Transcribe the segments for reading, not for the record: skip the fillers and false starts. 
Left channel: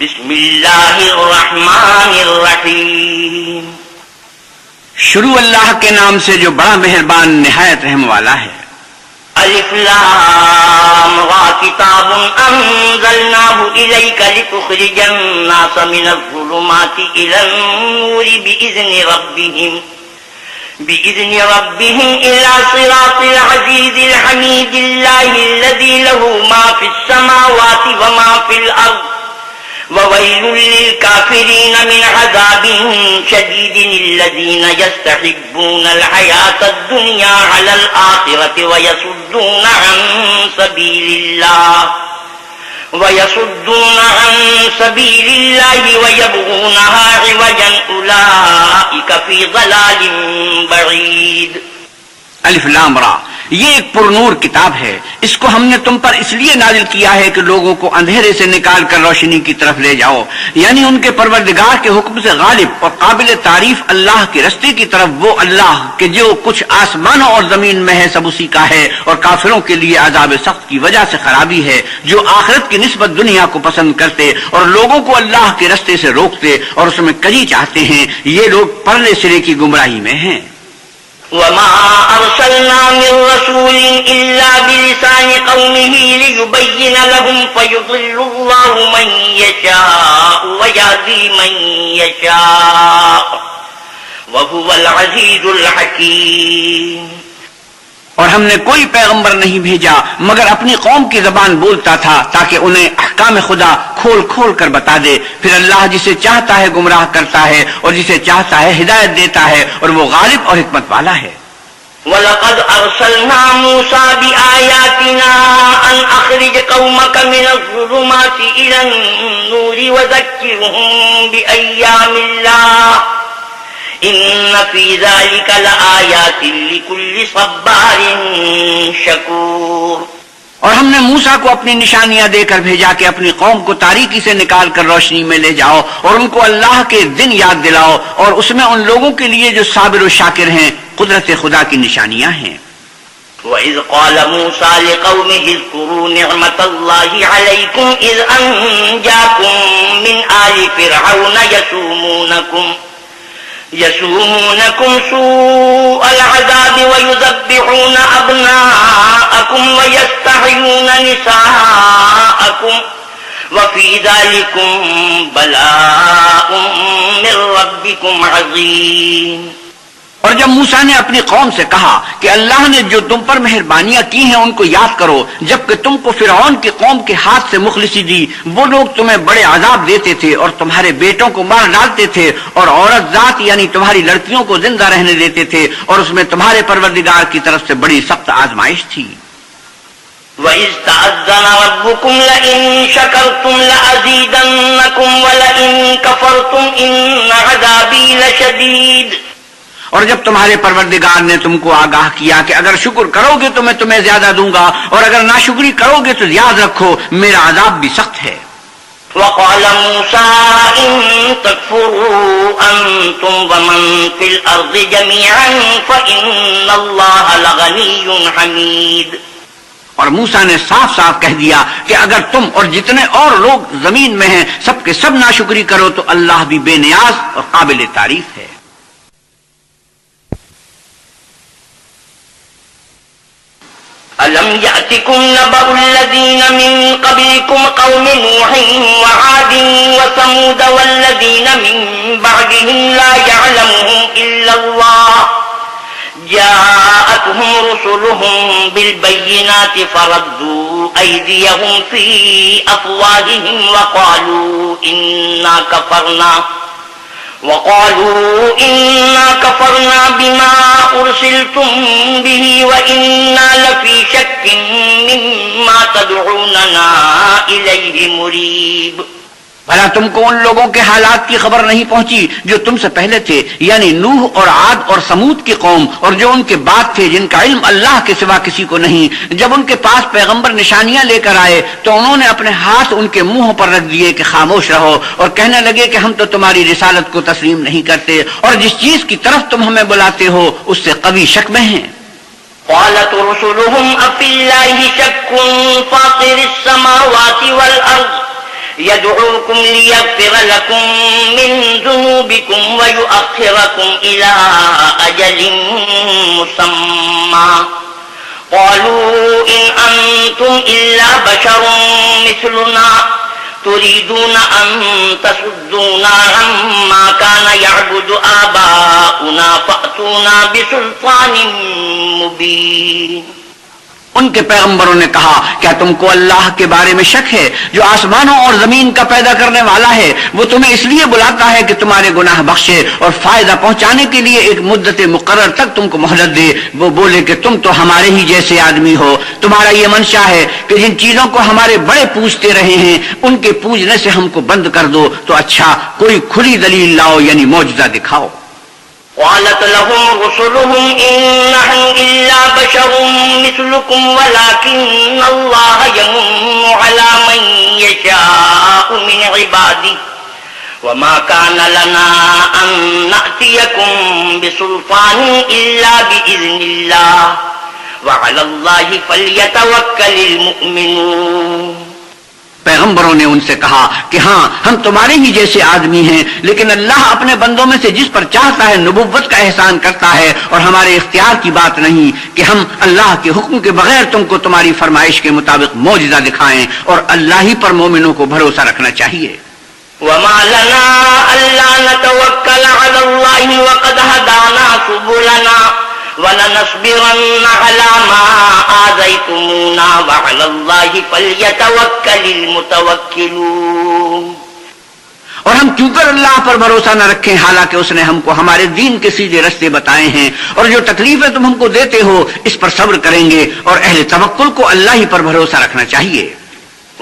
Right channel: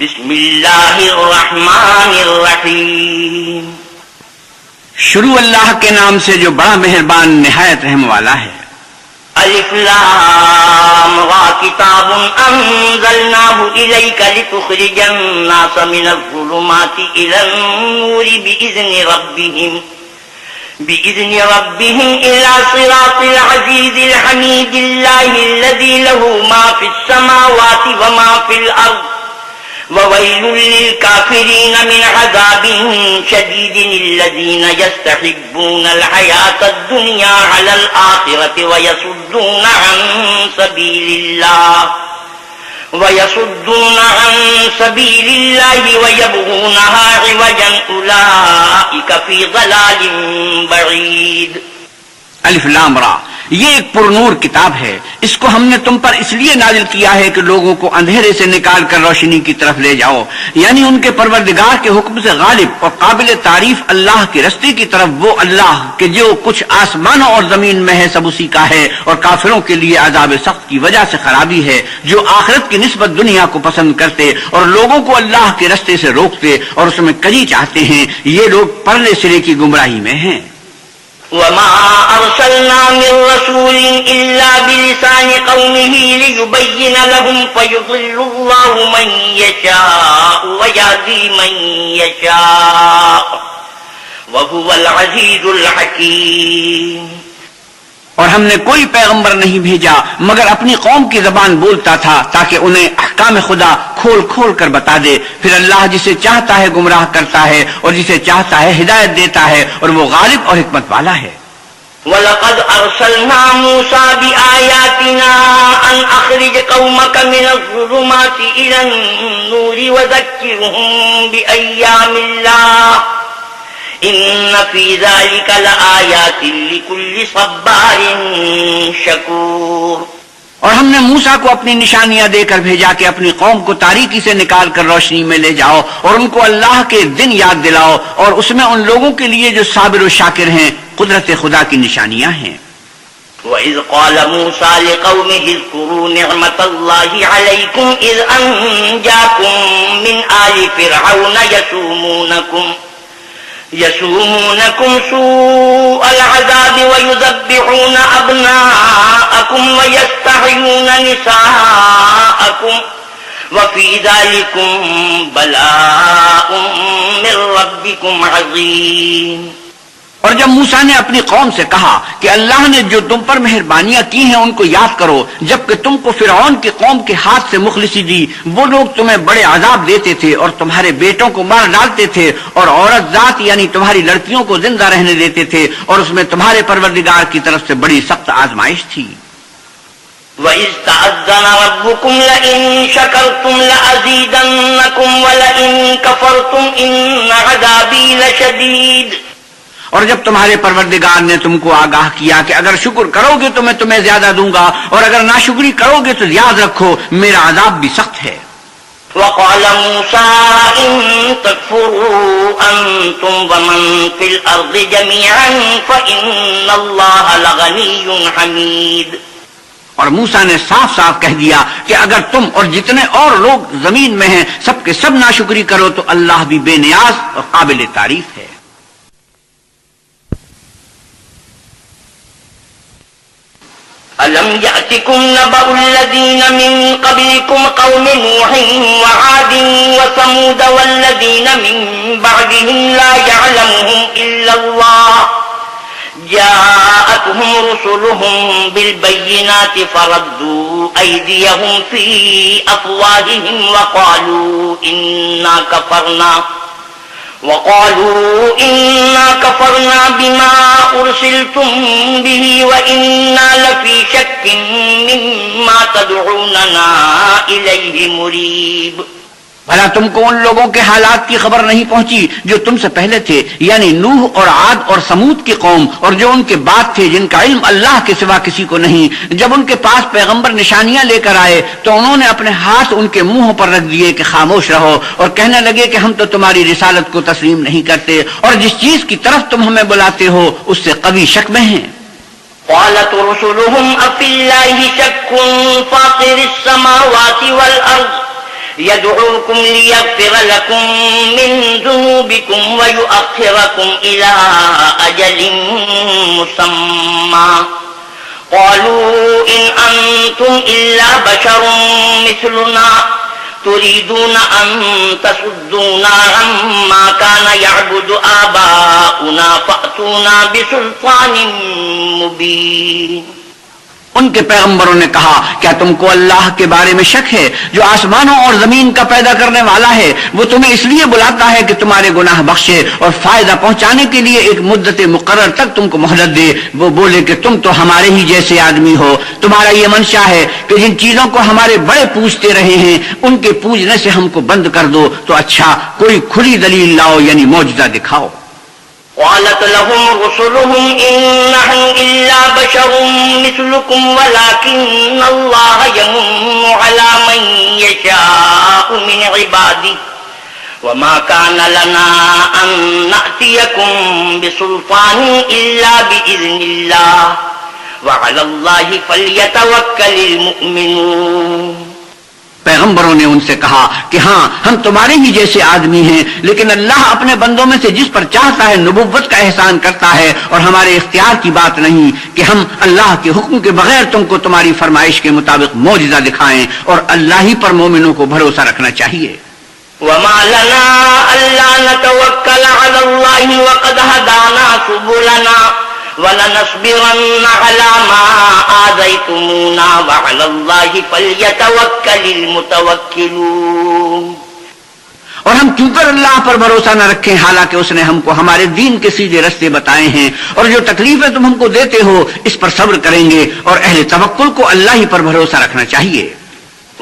بسم اللہ الرحمن الرحیم. شروع اللہ کے نام سے جو بڑا مہربان نہایت رحم والا ہے. الف لام را کتاب انزلناه الیک لتخرج الناس من الظلمات الى النور بإذن ربهم إلى صراط العزيز الحميد الله الذي له ما في السماوات وما في الأرض وويل للكافرين من عذاب شديد الذين يستحبون الحياة الدنيا على الآخرة ويصدون عن سبيل الله ويبغونها عوجا أولئك في ضلال بعيد. الف لام را، یہ ایک پرنور کتاب ہے. اس کو ہم نے تم پر اس لیے نازل کیا ہے کہ لوگوں کو اندھیرے سے نکال کر روشنی کی طرف لے جاؤ، یعنی ان کے پروردگار کے حکم سے غالب اور قابل تعریف اللہ کے رستے کی طرف. وہ اللہ کہ جو کچھ آسمانوں اور زمین میں ہے سب اسی کا ہے، اور کافروں کے لیے عذاب سخت کی وجہ سے خرابی ہے جو آخرت کی نسبت دنیا کو پسند کرتے اور لوگوں کو اللہ کے رستے سے روکتے اور اس میں کجی چاہتے ہیں. یہ لوگ پرلے سرے کی گمراہی میں ہیں. وما أرسلنا من رسول إلا بلسان قومه ليبين لهم فيضل الله من يشاء ويهدي من يشاء وهو العزيز الحكيم. اور ہم نے کوئی پیغمبر نہیں بھیجا مگر اپنی قوم کی زبان بولتا تھا تاکہ انہیں احکام خدا کھول کھول کر بتا دے. پھر اللہ جسے چاہتا ہے گمراہ کرتا ہے اور جسے چاہتا ہے ہدایت دیتا ہے، اور وہ غالب اور حکمت والا ہے. وَلَقَدْ أَرْسَلْنَا مُوسَى بِآيَاتِنَا أَنْ أَخْرِجْ قَوْمَكَ مِنَ الظُّلُمَاتِ إِلَى النُّورِ وَذَكِّرْهُم بِأَيَّامِ اللَّهِ إِنَّ فِي ذَلِكَ لَآيَاتٍ لِكُلِّ صَبَّارٍ شَكُورٍ. اور ہم نے موسیٰ کو اپنی نشانیاں دے کر بھیجا کہ اپنی قوم کو تاریکی سے نکال کر روشنی میں لے جاؤ اور ان کو اللہ کے دن یاد دلاؤ، اور اس میں ان لوگوں کے لیے جو صابر و شاکر ہیں قدرت خدا کی نشانیاں ہیں. وَإِذْ قَالَ مُوسَى لِقَوْمِهِ اذْكُرُوا نِعْمَةَ اللَّهِ عَلَيْكُمْ إِذْ أَنْجَاكُمْ مِنْ آلِ فِرْعَوْنَ يسومونكم سوء العذاب ويذبحون أبناءكم ويستحيون نساءكم وفي ذلكم بلاء من ربكم عظيم. اور جب موسیٰ نے اپنی قوم سے کہا کہ اللہ نے جو تم پر مہربانیاں کی ہیں ان کو یاد کرو، جبکہ تم کو فرعون کی قوم کے ہاتھ سے مخلصی دی. وہ لوگ تمہیں بڑے عذاب دیتے تھے اور تمہارے بیٹوں کو مار ڈالتے تھے اور عورت ذات یعنی تمہاری لڑکیوں کو زندہ رہنے دیتے تھے، اور اس میں تمہارے پروردگار کی طرف سے بڑی سخت آزمائش تھی. وَإِذْ تَأَذَّنَ رَبُّكُمْ لَئِن شَكَرْتُمْ لَأَزِيدَنَّكُمْ وَلَئِن كَفَرْتُمْ إِنَّ عَذَابِي لَشَدِيدٌ. اور جب تمہارے پروردگار نے تم کو آگاہ کیا کہ اگر شکر کرو گے تو میں تمہیں زیادہ دوں گا، اور اگر ناشکری کرو گے تو یاد رکھو میرا عذاب بھی سخت ہے. وَقَالَ مُوسَىٰ إِن تَكْفُرُوا أَنتُمْ وَمَن فِي الْأَرْضِ جَمِيعًا فَإِنَّ اللَّهَ لَغَنِيٌّ حَمِيدٌ. اور موسیٰ نے صاف صاف کہہ دیا کہ اگر تم اور جتنے اور لوگ زمین میں ہیں سب کے سب ناشکری کرو تو اللہ بھی بے نیاز اور قابل تعریف ہے. أَلَمْ يَأْتِكُمْ نَبَأُ الَّذِينَ مِنْ قَبْلِكُمْ قَوْمِ نُوحٍ وَعَادٍ وَثَمُودَ وَالَّذِينَ مِنْ بَعْدِهِمْ لَا يَعْلَمُهُمْ إِلَّا اللَّهُ جَاءَتْهُمْ رُسُلُهُم بِالْبَيِّنَاتِ فَرَدُّوا أَيْدِيَهُمْ فِي أَفْوَاهِهِمْ وقالوا إنا كفرنا بما أرسلتم به وإنا لفي شك مما تدعوننا إليه مريب. بھلا تم کو ان لوگوں کے حالات کی خبر نہیں پہنچی جو تم سے پہلے تھے، یعنی نوح اور عاد اور سمود کی قوم، اور جو ان کے بعد تھے جن کا علم اللہ کے سوا کسی کو نہیں. جب ان کے پاس پیغمبر نشانیاں لے کر آئے تو انہوں نے اپنے ہاتھ ان کے منہوں پر رکھ دیے کہ خاموش رہو، اور کہنے لگے کہ ہم تو تمہاری رسالت کو تسلیم نہیں کرتے، اور جس چیز کی طرف تم ہمیں بلاتے ہو اس سے قوی شک میں ہیں. قالت رسلهم أفي الله شك فاطر السماوات والأرض يدعوكم ليغفر لكم من ذنوبكم ويؤخركم إلى أجل مسمى قالوا إن أنتم إلا بشر مثلنا تريدون أن تصدونا عما كان يعبد آباؤنا فأتونا بسلطان مبين. ان کے پیغمبروں نے کہا کیا تم کو اللہ کے بارے میں شک ہے جو آسمانوں اور زمین کا پیدا کرنے والا ہے؟ وہ تمہیں اس لیے بلاتا ہے کہ تمہارے گناہ بخشے اور فائدہ پہنچانے کے لیے ایک مدت مقرر تک تم کو مہلت دے. وہ بولے کہ تم تو ہمارے ہی جیسے آدمی ہو. تمہارا یہ منشا ہے کہ جن چیزوں کو ہمارے بڑے پوجتے رہے ہیں ان کے پوجنے سے ہم کو بند کر دو. تو اچھا کوئی کھلی دلیل لاؤ یعنی معجزہ دکھاؤ. قالت لهم رسلهم إن نحن إلا بشر مثلكم ولكن الله يمن على من يشاء من عباده وما كان لنا أن نأتيكم بسلطان إلا بإذن الله وعلى الله فليتوكل المؤمنون. پیغمبروں نے ان سے کہا کہ ہاں ہم تمہارے ہی جیسے آدمی ہیں لیکن اللہ اپنے بندوں میں سے جس پر چاہتا ہے نبوت کا احسان کرتا ہے اور ہمارے اختیار کی بات نہیں کہ ہم اللہ کے حکم کے بغیر تم کو تمہاری فرمائش کے مطابق معجزہ دکھائیں اور اللہ ہی پر مومنوں کو بھروسہ رکھنا چاہیے. وما لنا ألا نتوكل على الله وقد هدانا سبلنا وَلَنَصْبِرَنَّ عَلَى مَا آذَيْتُمُونَا وَعَلَى اللَّهِ فَلْيَتَوَكَّلِ الْمُتَوَكِّلُونَ. اور ہم کیوں کر اللہ پر بھروسہ نہ رکھیں حالانکہ اس نے ہم کو ہمارے دین کے سیدھے رستے بتائے ہیں اور جو تکلیفیں تم ہم کو دیتے ہو اس پر صبر کریں گے اور اہل توکل کو اللہ ہی پر بھروسہ رکھنا چاہیے.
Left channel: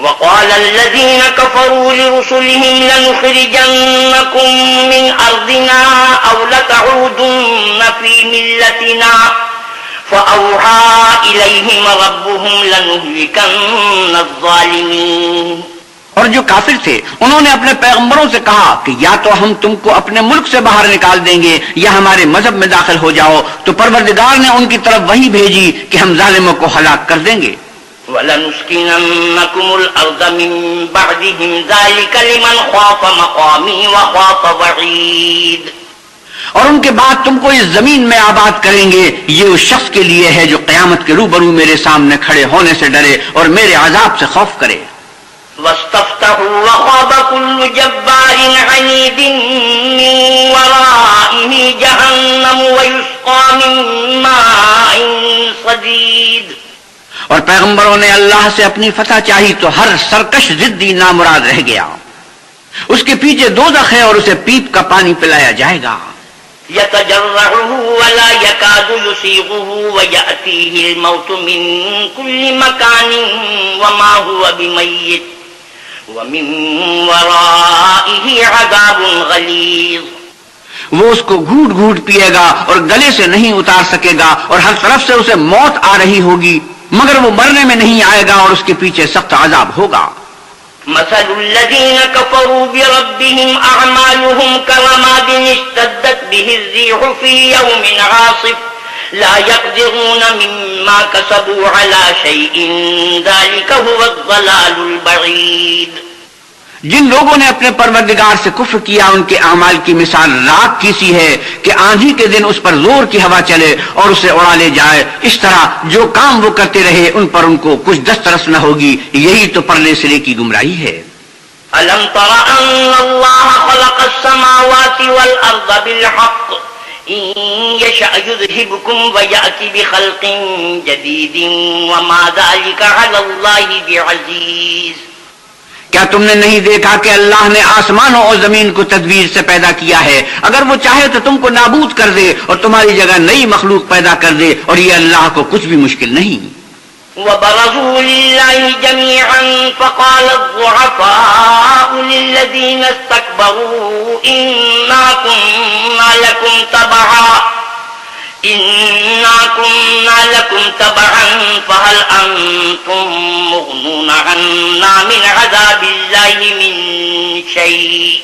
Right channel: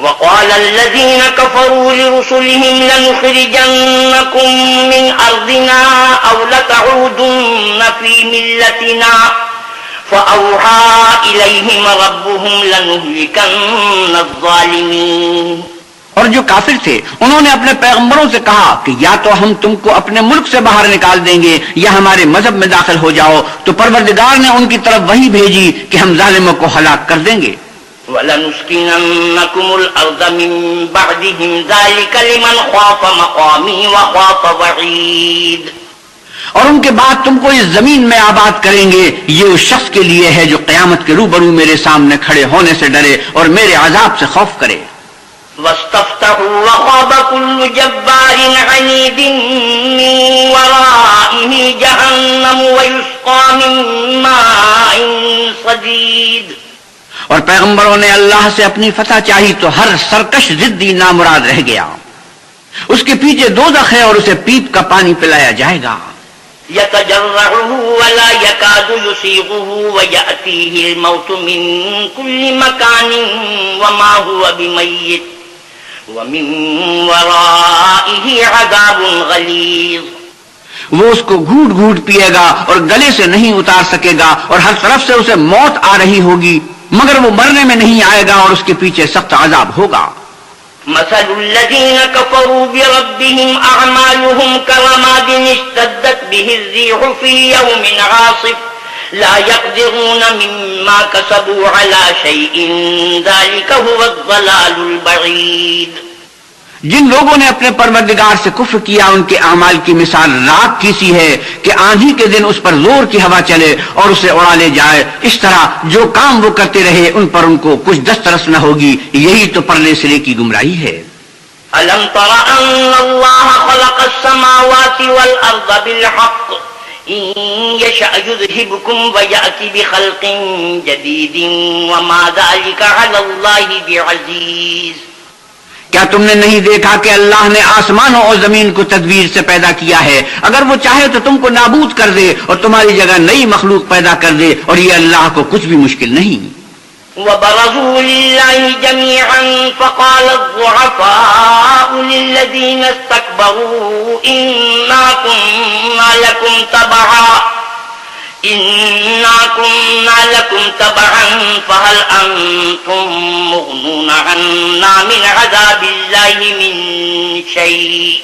وقال الذين كفروا لرسلهم لنخرجنكم من أرضنا أو لتعودن في ملتنا فأوحى إليهم ربهم لنهلكن الظالمين. اور جو کافر تھے انہوں نے اپنے پیغمبروں سے کہا کہ یا تو ہم تم کو اپنے ملک سے باہر نکال دیں گے یا ہمارے مذہب میں داخل ہو جاؤ. تو پروردگار نے ان کی طرف وحی بھیجی کہ ہم ظالموں کو ہلاک کر دیں گے. وَلَنُسْكِنَنَّكُمُ الْأَرْضَ مِن بَعْدِهِمْ ذَلِكَ لِمَنْ خَافَ مَقَامِي وَخَافَ وَعِيدِ. اور ان کے بعد تم کو اس زمین میں آباد کریں گے یہ اس شخص کے لیے ہے جو قیامت کے روبرو میرے سامنے کھڑے ہونے سے ڈرے اور میرے عذاب سے خوف کرے. وَاسْتَفْتَحُوا وَخَابَ كُلُّ جَبَّارٍ عَنِيدٍ مِّن وَرَائِهِ جَهَنَّمُ وَيُسْقَىٰ مِن مَّاءٍ صَدِيدٍ. اور پیغمبروں نے اللہ سے اپنی فتح چاہی تو ہر سرکش ضدی نامراد رہ گیا. اس کے پیچھے دوزخ ہے اور اسے پیپ کا پانی پلایا جائے گا. يتجرعه ولا يكاد يسيغه ويأتيه الموت من كل مكان وما هو بميت ومن ورائه عذاب غليظ. وہ اس کو گھوٹ گھوٹ پیے گا اور گلے سے نہیں اتار سکے گا اور ہر طرف سے اسے موت آ رہی ہوگی مگر وہ مرنے میں نہیں آئے گا اور اس کے پیچھے سخت عذاب ہوگا. مثل الذين كفروا بربهم أعمالهم كرماد اشتدت به الريح في يوم عاصف لا يقدرون مما كسبوا على شيء ذلك هو الضلال البعيد. جن لوگوں نے اپنے پروردگار سے کفر کیا ان کے اعمال کی مثال راک کی سی ہے کہ آندھی کے دن اس پر زور کی ہوا چلے اور اسے اڑا لے جائے. اس طرح جو کام وہ کرتے رہے ان پر ان کو کچھ دسترس نہ ہوگی. یہی تو پرلے سرے کی گمراہی ہے. أَلَمْ تَرَ أَنَّ اللَّهَ خَلَقَ السَّمَاوَاتِ وَالْأَرْضَ بِالْحَقِّ إِن يَشَأْ يُذْهِبْكُمْ وَيَأْتِ بِخَلْقٍ جَدِيدٍ وَمَا ذَلِكَ عَلَى اللَّهِ بِعَزِيزٍ. کیا تم نے نہیں دیکھا کہ اللہ نے آسمانوں اور زمین کو تدبیر سے پیدا کیا ہے؟ اگر وہ چاہے تو تم کو نابود کر دے اور تمہاری جگہ نئی مخلوق پیدا کر دے اور یہ اللہ کو کچھ بھی مشکل نہیں. وَبَرَزُوا لِلَّهِ جَمِيعًا فَقَالَ الضُّعَفَاءُ لِلَّذِينَ اسْتَكْبَرُوا إِنَّا كُنَّا لَكُمْ تَبَعًا فَهَلْ أَنتُم مُّغْنُونَ عَنَّا مِنْ عَذَابِ اللَّهِ مِنْ شَيْءٍ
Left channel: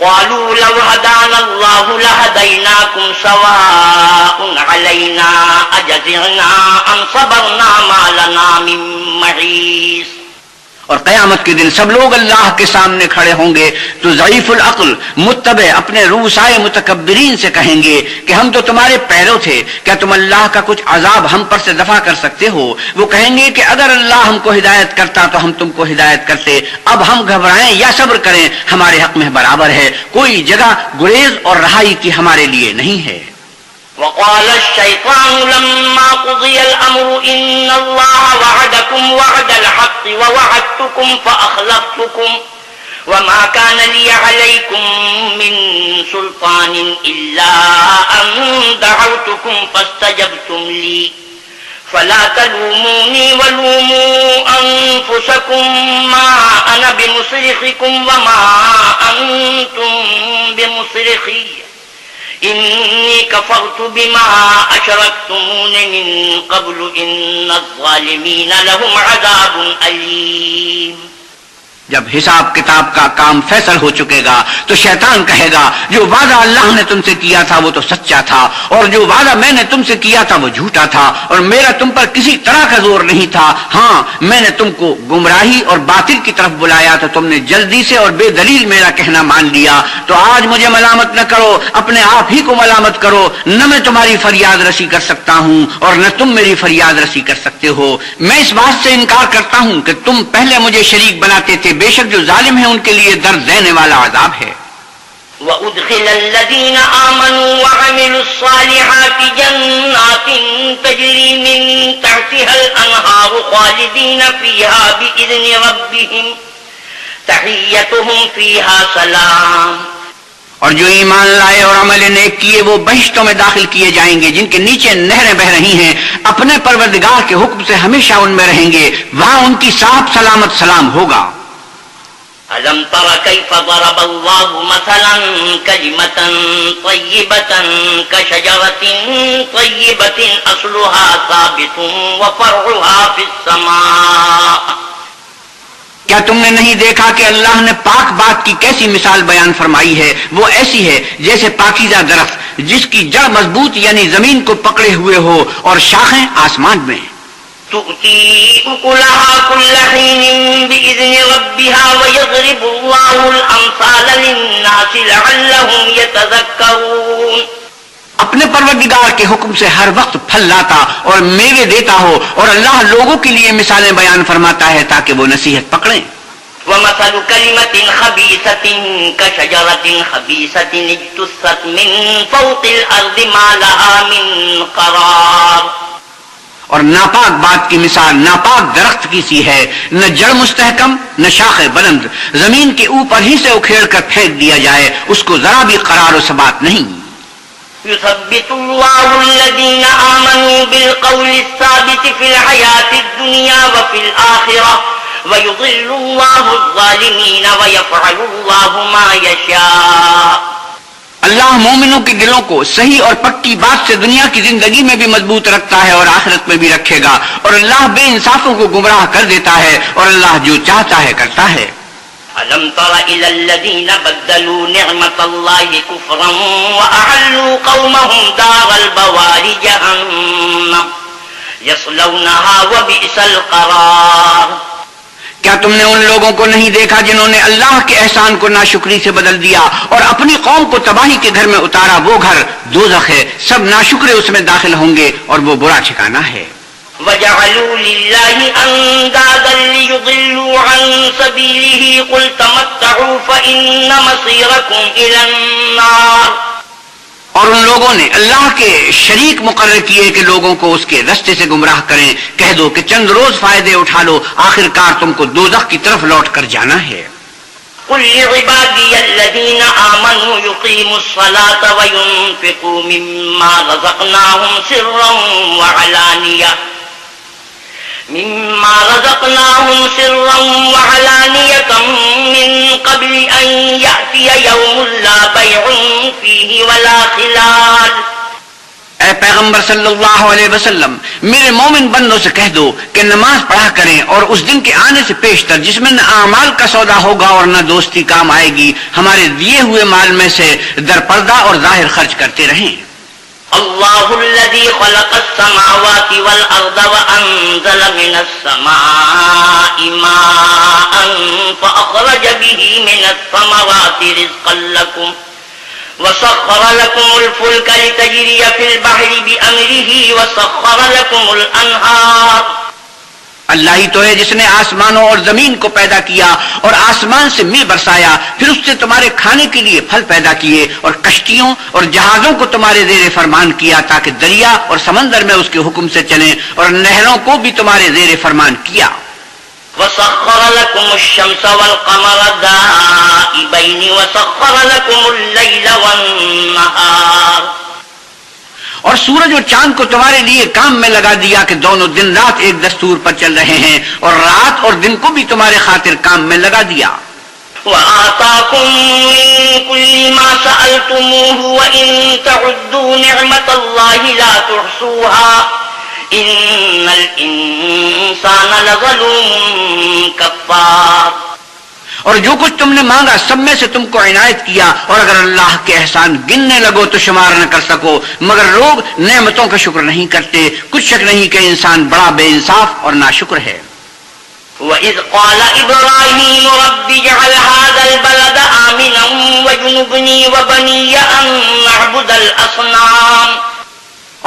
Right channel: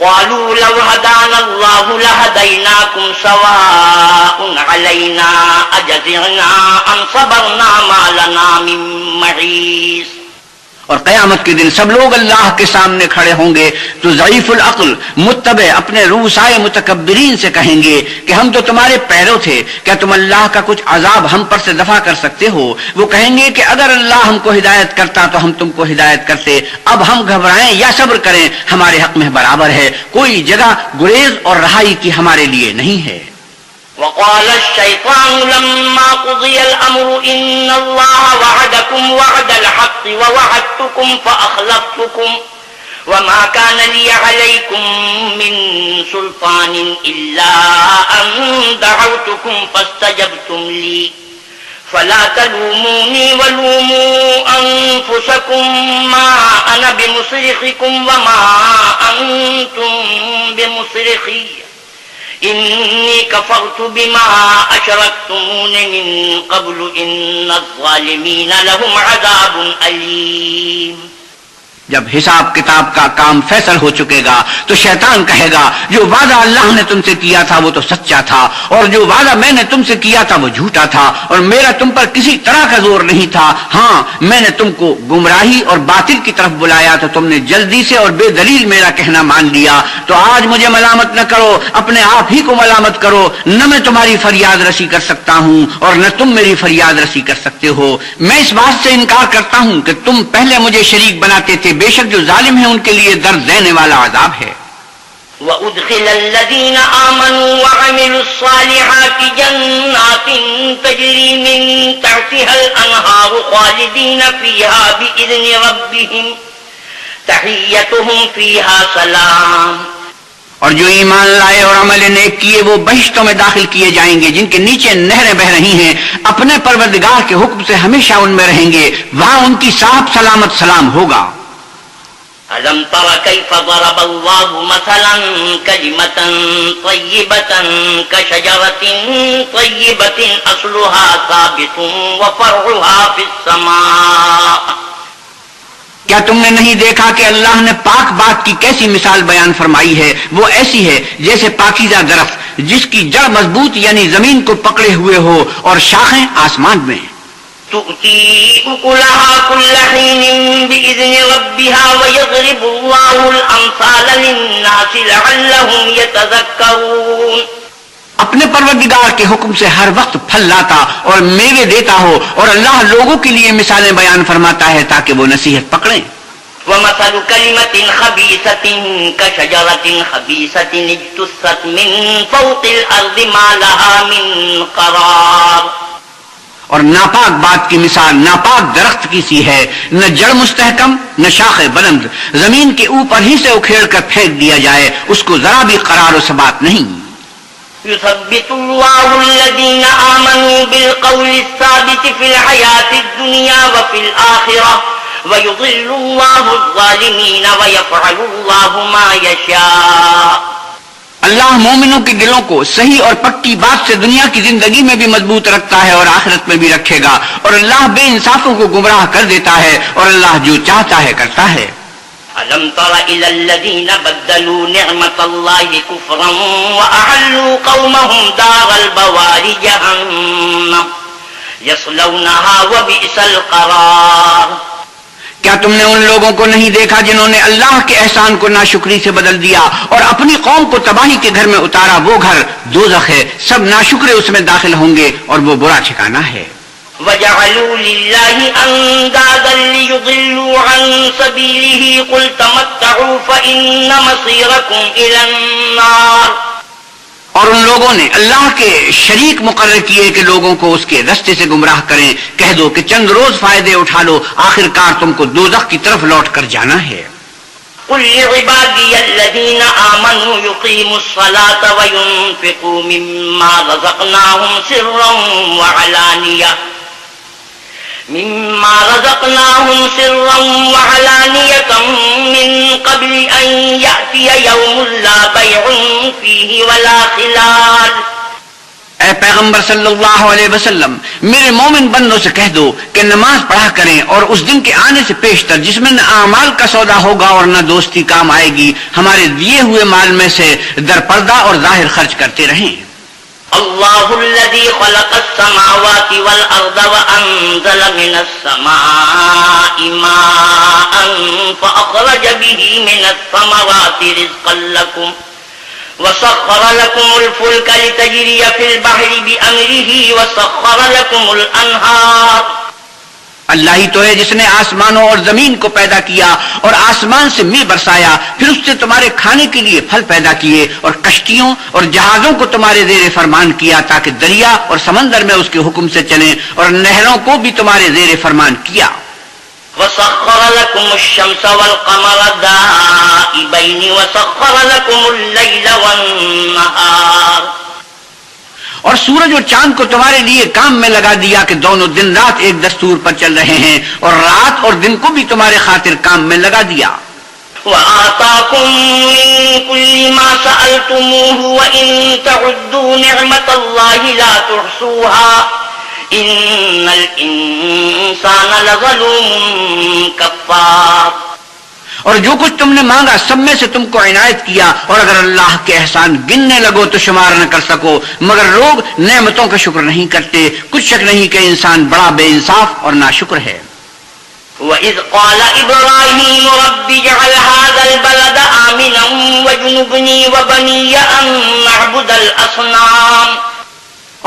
قَالُوا لَوْ هَدَانَا اللَّهُ لَهَدَيْنَاكُمْ سَوَاءٌ عَلَيْنَا أَجَزِعْنَا أَمْ صَبَرْنَا مَا لَنَا مِن مَّحِيصٍ. اور قیامت کے دن سب لوگ اللہ کے سامنے کھڑے ہوں گے تو ضعیف العقل متبع اپنے روسائے متکبرین سے کہیں گے کہ ہم تو تمہارے پیرو تھے، کیا تم اللہ کا کچھ عذاب ہم پر سے دفع کر سکتے ہو؟ وہ کہیں گے کہ اگر اللہ ہم کو ہدایت کرتا تو ہم تم کو ہدایت کرتے، اب ہم گھبرائیں یا صبر کریں ہمارے حق میں برابر ہے، کوئی جگہ گریز اور رہائی کی ہمارے لیے نہیں ہے۔ وقال الشيطان لما قضي الأمر إن الله وعدكم وعد الحق ووعدتكم فأخلفتكم وما كان لي عليكم من سلطان إلا أن دعوتكم فاستجبتم لي فلا تلوموني ولوموا أنفسكم ما أنا بمصرخكم وما أنتم بمصرخي إني كفرت بما أشركتمون من قبل إن الظالمين لهم عذاب أليم۔ جب حساب کتاب کا کام فیصل ہو چکے گا تو شیطان کہے گا جو وعدہ اللہ نے تم سے کیا تھا وہ تو سچا تھا، اور جو وعدہ میں نے تم سے کیا تھا وہ جھوٹا تھا، اور میرا تم پر کسی طرح کا زور نہیں تھا۔ ہاں میں نے تم کو گمراہی اور باطل کی طرف بلایا تو تم نے جلدی سے اور بے دلیل میرا کہنا مان لیا، تو آج مجھے ملامت نہ کرو، اپنے آپ ہی کو ملامت کرو، نہ میں تمہاری فریاد رسی کر سکتا ہوں اور نہ تم میری فریاد رسی کر سکتے ہو۔ میں اس بات سے انکار کرتا ہوں کہ تم پہلے مجھے شریک بناتے تھے، بے شک جو ظالم ہیں ان کے لیے درد دینے والا عذاب ہے۔ وَأُدْخِلَ الَّذِينَ آمَنُوا وَعَمِلُوا الصَّالِحَاتِ جَنَّاتٍ تَجْرِي مِن تَحْتِهَا الْأَنْهَارُ خَالِدِينَ فِيهَا بِإِذْنِ رَبِّهِمْ تَحِيَّتُهُمْ فِيهَا سَلَامٌ۔ اور جو ایمان لائے اور عمل نیک کیے وہ بہشتوں میں داخل کیے جائیں گے جن کے نیچے نہریں بہ رہی ہیں، اپنے پروردگار کے حکم سے ہمیشہ ان میں رہیں گے، وہاں ان کی صاف سلامت سلام ہوگا۔ أَلَمْ تَرَ كَيْفَ ضَرَبَ اللَّهُ مَثَلًا كَلِمَةً طَيِّبَةً كَشَجَرَةٍ طَيِّبَةٍ أَصْلُهَا ثَابِتٌ وَفَرْعُهَا فِي السَّمَاءِ۔ کیا تم نے نہیں دیکھا کہ اللہ نے پاک بات کی کیسی مثال بیان فرمائی ہے؟ وہ ایسی ہے جیسے پاکیزہ درخت جس کی جڑ مضبوط یعنی زمین کو پکڑے ہوئے ہو اور شاخیں آسمان میں۔ تؤتي أكلها كل حين بإذن ربها ويضرب الله الأمثال للناس لعلهم يتذكرون۔ اپنے پروردگار کے حکم سے ہر وقت پھل لاتا اور میوے دیتا ہو، اور اللہ لوگوں کے لیے مثالیں بیان فرماتا ہے تاکہ وہ نصیحت پکڑیں۔ ومثل كلمة خبيثة كشجرة خبيثة اجتثت من فوق الأرض ما لها من قرار۔ اور ناپاک بات کی مثال ناپاک درخت کی سی ہے، نہ جڑ مستحکم نہ شاخ بلند، زمین کے اوپر ہی سے اکھیڑ کر پھینک دیا جائے، اس کو ذرا بھی قرار و ثبات نہیں۔ يثبت الله الذين آمنوا بالقول الثابت في الحياة الدنيا وفي الآخرة ويضل الله الظالمين ويفعل الله ما يشاء۔ اللہ مومنوں کے دلوں کو صحیح اور پکی بات سے دنیا کی زندگی میں بھی مضبوط رکھتا ہے اور آخرت میں بھی رکھے گا، اور اللہ بے انصافوں کو گمراہ کر دیتا ہے، اور اللہ جو چاہتا ہے کرتا ہے۔ أَلَمْ تَرَ إِلَى الَّذِينَ بَدَّلُوا نِعْمَةَ اللَّهِ كُفْرًا وَأَحَلُّوا قَوْمَهُمْ دَارَ الْبَوَارِ جَهَنَّمَ يَصْلَوْنَهَا وَبِئْسَ الْقَرَارُ۔ کیا تم نے ان لوگوں کو نہیں دیکھا جنہوں نے اللہ کے احسان کو ناشکری سے بدل دیا اور اپنی قوم کو تباہی کے گھر میں اتارا؟ وہ گھر دوزخ ہے، سب ناشکرے اس میں داخل ہوں گے اور وہ برا ٹھکانہ ہے۔ وَجَعَلُوا لِلَّهِ أَنْدَادًا لِيُضِلُّوا عَنْ سَبِيلِهِ قُلْ تَمَتَّعُوا فَإِنَّ مَصِيرَكُمْ إِلَى النَّارِ۔ اور ان لوگوں نے اللہ کے شریک مقرر کیے کہ لوگوں کو اس کے رستے سے گمراہ کریں، کہہ دو کہ چند روز فائدے اٹھا لو، آخر کار تم کو دوزخ کی طرف لوٹ کر جانا ہے۔ قُلْ لِعِبَادِيَ الَّذِينَ آمَنُوا يُقِيمُوا الصَّلَاةَ وَيُنْفِقُوا مِمَّا رَزَقْنَاهُمْ سِرًّا وَعَلَانِيَةً مِّن قَبْلِ أَن يَأْتِيَ يَوْمٌ لَّا بَيْعٌ فِيهِ وَلَا خِلَالٌ۔ اے پیغمبر صلی اللہ علیہ وسلم، میرے مومن بندوں سے کہہ دو کہ نماز پڑھا کریں اور اس دن کے آنے سے پیشتر جس میں نہ اعمال کا سودا ہوگا اور نہ دوستی کام آئے گی، ہمارے دیے ہوئے مال میں سے در پردہ اور ظاہر خرچ کرتے رہیں۔ الله الذي خلق السماوات والأرض وأنزل من السماء ماء فأخرج به من الثمرات رزقا لكم وسخر لكم الفلك لتجري في البحر بأمره وسخر لكم الأنهار. اللہ ہی تو ہے جس نے آسمانوں اور زمین کو پیدا کیا اور آسمان سے مے برسایا، پھر اس سے تمہارے کھانے کے لیے پھل پیدا کیے، اور کشتیوں اور جہازوں کو تمہارے زیر فرمان کیا تاکہ دریا اور سمندر میں اس کے حکم سے چلیں، اور نہروں کو بھی تمہارے زیر فرمان کیا. وسخر لكم الشمس والقمر دائبين وسخر لكم الليل والنهار. اور سورج اور چاند کو تمہارے لیے کام میں لگا دیا کہ دونوں دن رات ایک دستور پر چل رہے ہیں، اور رات اور دن کو بھی تمہارے خاطر کام میں لگا دیا. وآتاكم من كل ما سألتموه وإن تعدوا نعمة الله لا تحصوها إن الإنسان لظلوم كفار. اور جو کچھ تم نے مانگا سب میں سے تم کو عنایت کیا، اور اگر اللہ کے احسان گننے لگو تو شمار نہ کر سکو، مگر لوگ نعمتوں کا شکر نہیں کرتے. کچھ شک نہیں کہ انسان بڑا بے انصاف اور ناشکر ہے. وَإِذْ قَالَ إِبْرَاهِيمُ رَبِّ اجْعَلْ هَٰذَا الْبَلَدَ آمِنًا وَاجْنُبْنِي وَبَنِيَّ أَن نَّعْبُدَ الْأَصْنَامَ.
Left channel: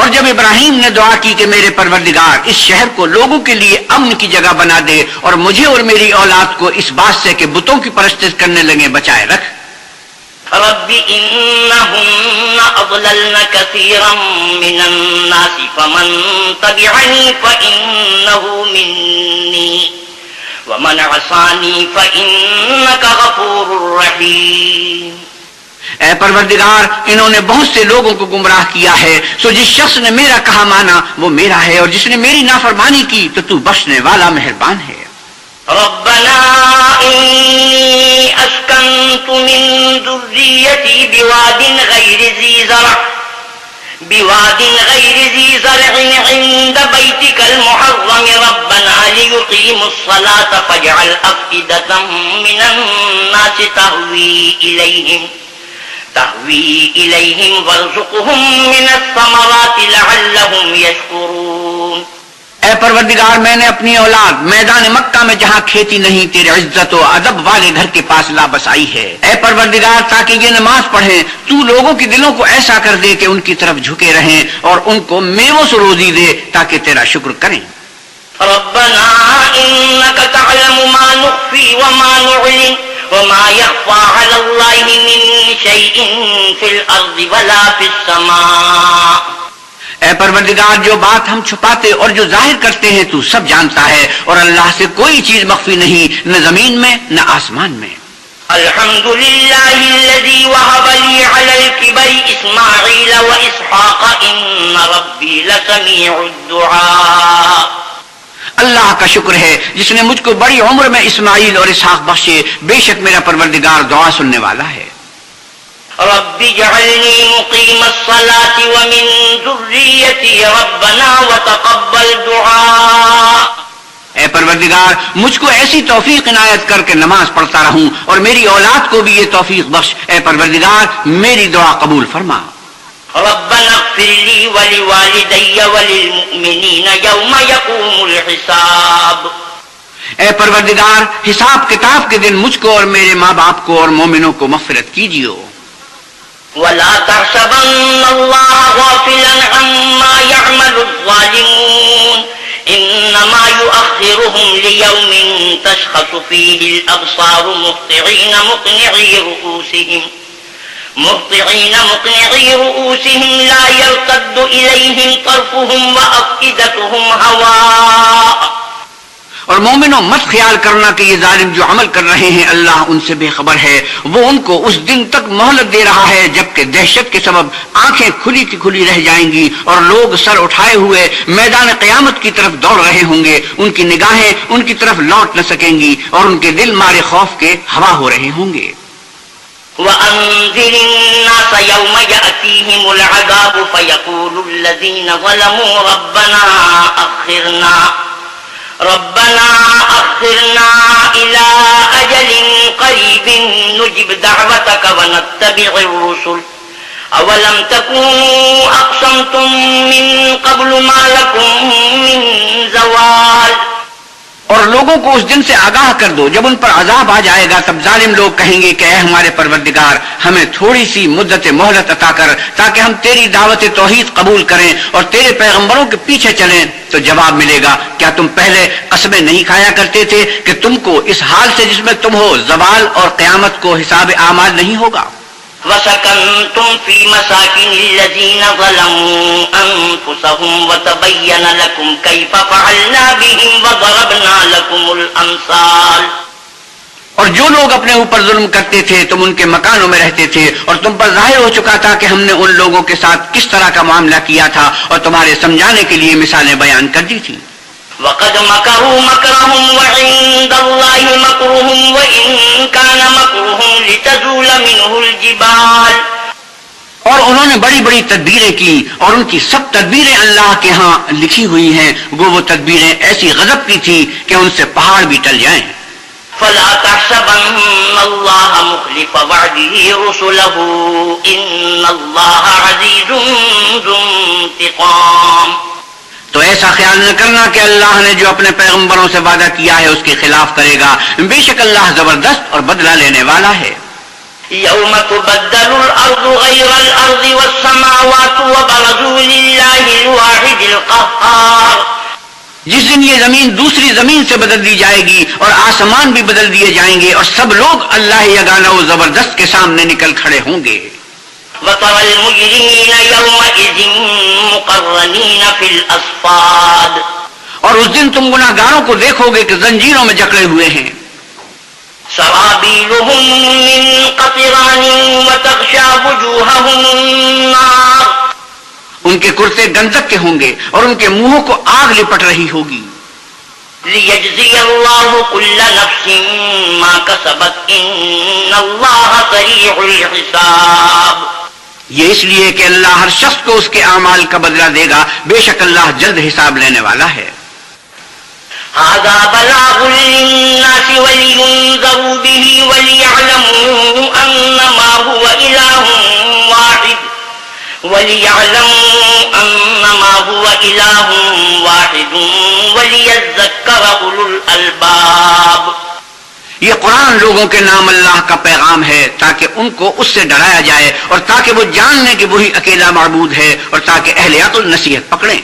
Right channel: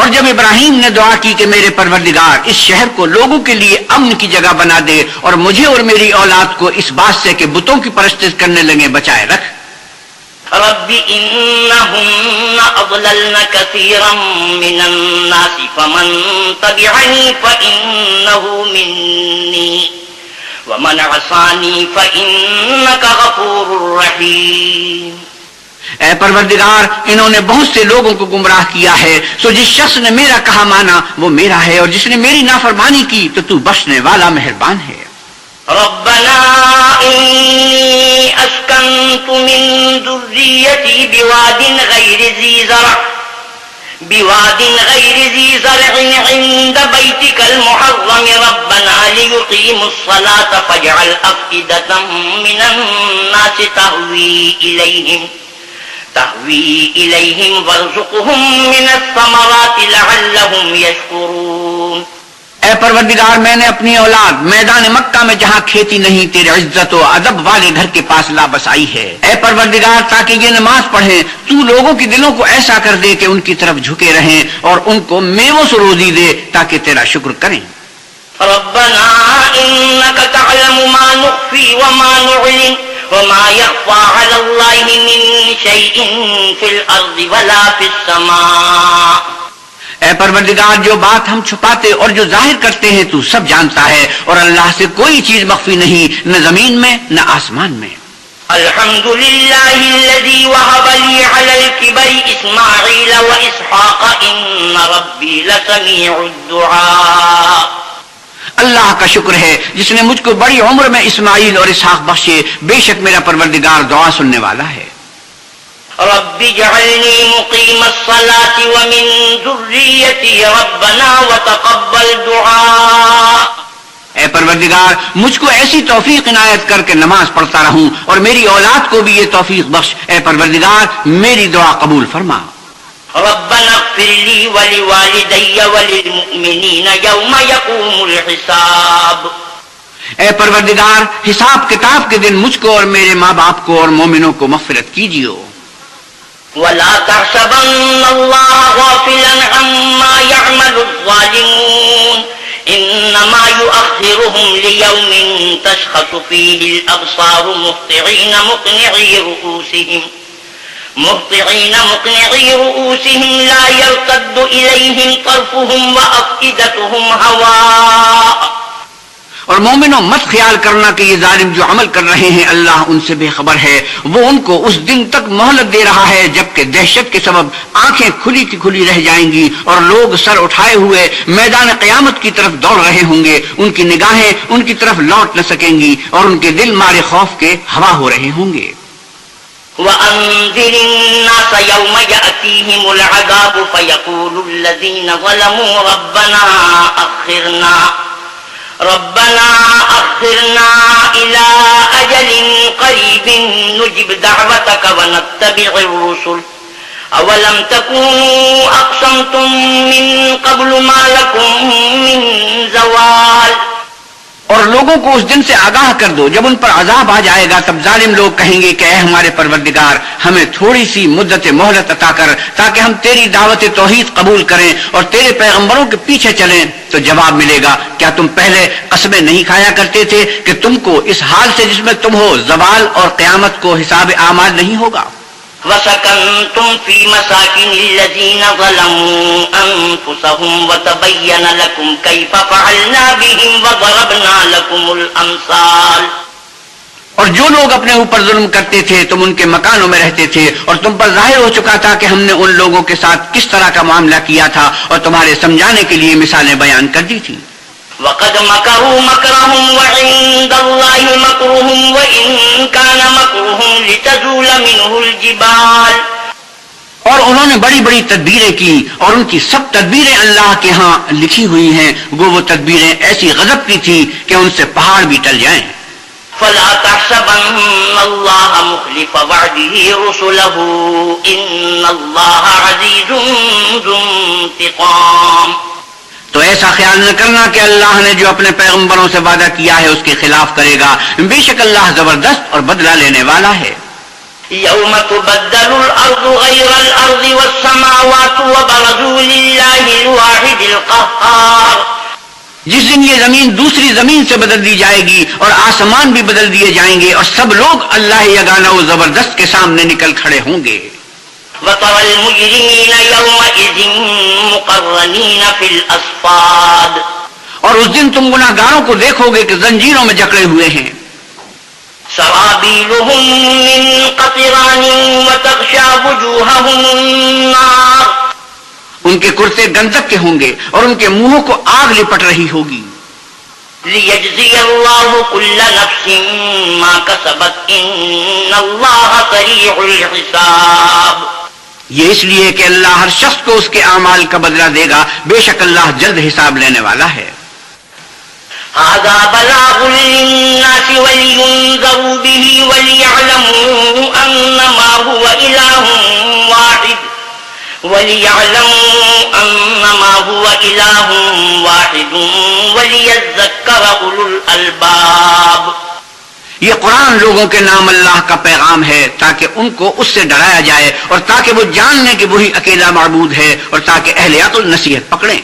اور جب ابراہیم نے دعا کی کہ میرے پروردگار اس شہر کو لوگوں کے لیے امن کی جگہ بنا دے اور مجھے اور میری اولاد کو اس بات سے کہ بتوں کی پرستش کرنے لگے بچائے رکھ. رب إنهن أضللن كثيرا من الناس فمن تبعني فإنه مني ومن عصاني فإنك غفور رحيم. اے پروردگار، انہوں نے بہت سے لوگوں کو گمراہ کیا ہے، سو جس شخص نے میرا کہا مانا وہ میرا ہے، اور جس نے میری نافرمانی کی تو تو بخشنے والا مہربان ہے. ربنا إني أسكنت من ذريتي بواد غير ذي زرع عند بيتك المحرم ربنا ليقيموا الصلاة فاجعل أفئدة من الناس تهوي إليهم وارزقهم من الثمرات لعلهم يشكرون. اے پروردگار، میں نے اپنی اولاد میدان مکہ میں جہاں کھیتی نہیں تیرے عزت و ادب والے گھر کے پاس لا بسائی ہے. اے پروردگار، تاکہ یہ نماز پڑھیں تو لوگوں کے دلوں کو ایسا کر دے کہ ان کی طرف جھکے رہیں اور ان کو میووں سے روزی دے تاکہ تیرا شکر کریں. ربنا إنك تعلم ما نخفي وما نعلن وما يخفى على الله من شيء في الأرض ولا في السماء. اے پروردگار، جو بات ہم چھپاتے اور جو ظاہر کرتے ہیں تو سب جانتا ہے، اور اللہ سے کوئی چیز مخفی نہیں، نہ زمین میں نہ آسمان میں. الحمد لله الذي وهب لي على الكبر إسماعيل وإسحاق إن ربي لسميع الدعاء. اللہ کا شکر ہے جس نے مجھ کو بڑی عمر میں اسماعیل اور اسحاق بخشے، بے شک میرا پروردگار دعا سننے والا ہے. رب اجعلني مقيم الصلاة ومن ذريتي ربنا وتقبل دعاء. اے پروردگار، مجھ کو ایسی توفیق عنایت کر کے نماز پڑھتا رہوں اور میری اولاد کو بھی یہ توفیق بخش. اے پروردگار، میری دعا قبول فرما. ربنا اغفر لي ولوالدي وللمؤمنين يوم يقوم الحساب. اے پروردگار، حساب کتاب کے دن مجھ کو اور میرے ماں باپ کو اور مومنوں کو مغفرت کیجیے. ولا تحسبن الله غافلا عما يعمل الظالمون إنما يؤخرهم ليوم تشخص فيه الأبصار مهطعين مقنعي رؤوسهم لا يرتد إليهم طرفهم وأفئدتهم هواء. اور مومنوں، مت خیال کرنا کہ یہ ظالم جو عمل کر رہے ہیں اللہ ان سے بے خبر ہے. وہ ان کو اس دن تک مہلت دے رہا ہے جبکہ دہشت کے سبب آنکھیں کھلی کی کھلی رہ جائیں گی اور لوگ سر اٹھائے ہوئے میدان قیامت کی طرف دوڑ رہے ہوں گے. ان کی نگاہیں ان کی طرف لوٹ نہ سکیں گی اور ان کے دل مارے خوف کے ہوا ہو رہے ہوں گے. وأنذر الناس يوم يأتيهم العذاب فيقول الذين ظلموا ربنا أخرنا إلى أجل قريب نجب دعوتك ونتبع الرسل اولم تکونوا اقسمتم من قبل ما لکم من زوال. اور لوگوں کو اس دن سے آگاہ کر دو جب ان پر عذاب آ جائے گا، تب ظالم لوگ کہیں گے کہ اے ہمارے پروردگار، ہمیں تھوڑی سی مدت مہلت عطا کر تاکہ ہم تیری دعوت توحید قبول کریں اور تیرے پیغمبروں کے پیچھے چلیں. تو جواب ملے گا، کیا تم پہلے قسمیں نہیں کھایا کرتے تھے کہ تم کو اس حال سے جس میں تم ہو، زوال اور قیامت کو حساب اعمال نہیں ہوگا؟ وَسَكَنْتُمْ فِي مَسَاكِنِ الَّذِينَ ظَلَمُوا أَنفُسَهُمْ وَتَبَيَّنَ لَكُمْ كَيْفَ فَعَلْنَا بِهِمْ وَضَرَبْنَا لَكُمُ الْأَمْثَالَ. اور جو لوگ اپنے اوپر ظلم کرتے تھے تم ان کے مکانوں میں رہتے تھے، اور تم پر ظاہر ہو چکا تھا کہ ہم نے ان لوگوں کے ساتھ کس طرح کا معاملہ کیا تھا، اور تمہارے سمجھانے کے لیے مثالیں بیان کر دی تھی. وَقَدْ مَكَرُوا مَكْرَهُمْ وَعِندَ اللَّهِ مَكْرُهُمْ وَإِن كَانَ مَكْرُهُمْ لِتَزُولَ مِنْهُ الْجِبَالُ. اور انہوں نے بڑی بڑی تدبیریں کی، اور ان کی سب تدبیریں اللہ کے ہاں لکھی ہوئی ہیں، وہ تدبیریں ایسی غضب کی تھی کہ ان سے پہاڑ بھی ٹل جائیں. فَلَا تَحْسَبَنَّ اللَّهَ مُخْلِفَ وَعْدِهِ رُسُلَهُ إِنَّ اللَّهَ عَزِيزٌ ذُو انتِقَامٍ. تو ایسا خیال نہ کرنا کہ اللہ نے جو اپنے پیغمبروں سے وعدہ کیا ہے اس کے خلاف کرے گا، بے شک اللہ زبردست اور بدلہ لینے والا ہے. يَوْمَ تُبَدَّلُ الْأَرْضُ غَيْرَ الْأَرْضِ وَالسَّمَاوَاتُ وَبَرَزُوا لِلَّهِ الْوَاحِدِ الْقَهَّارِ. جس دن یہ زمین دوسری زمین سے بدل دی جائے گی اور آسمان بھی بدل دیے جائیں گے، اور سب لوگ اللہ یگانہ و زبردست کے سامنے نکل کھڑے ہوں گے. وَتَرَى الْمُجْرِمِينَ يَوْمَئِذٍ مُقَرَّنِينَ فِي الْأَصْفَادِ. اور اس دن تم گناہگاروں کو دیکھو گے کہ زنجیروں میں جکڑے ہوئے ہیں. سَرَابِيلُهُم مِّن قَطِرَانٍ وَتَغْشَىٰ وُجُوهَهُمُ النَّارُ. ان کے کرتے گندک کے ہوں گے اور ان کے منہوں کو آگ لپٹ رہی ہوگی. لِيَجْزِيَ اللَّهُ كُلَّ نَفْسٍ مَّا كَسَبَتْ إِنَّ اللَّهَ سَرِيعُ الْحِسَابِ. یہ اس لیے کہ اللہ ہر شخص کو اس کے اعمال کا بدلہ دے گا، بے شک اللہ جلد حساب لینے والا ہے. هَذَا بَلَاغٌ لِّلنَّاسِ وَلِيُنذَرُوا بِهِ وَلِيَعْلَمُوا أَنَّمَا هُوَ إِلَٰهٌ وَاحِدٌ وَلِيَذَّكَّرَ أُولُو الْأَلْبَابِ. یہ قرآن لوگوں کے نام اللہ کا پیغام ہے تاکہ ان کو اس سے ڈرایا جائے، اور تاکہ وہ جان لیں کہ وہی اکیلا معبود ہے، اور تاکہ اہل عقل نصیحت پکڑیں.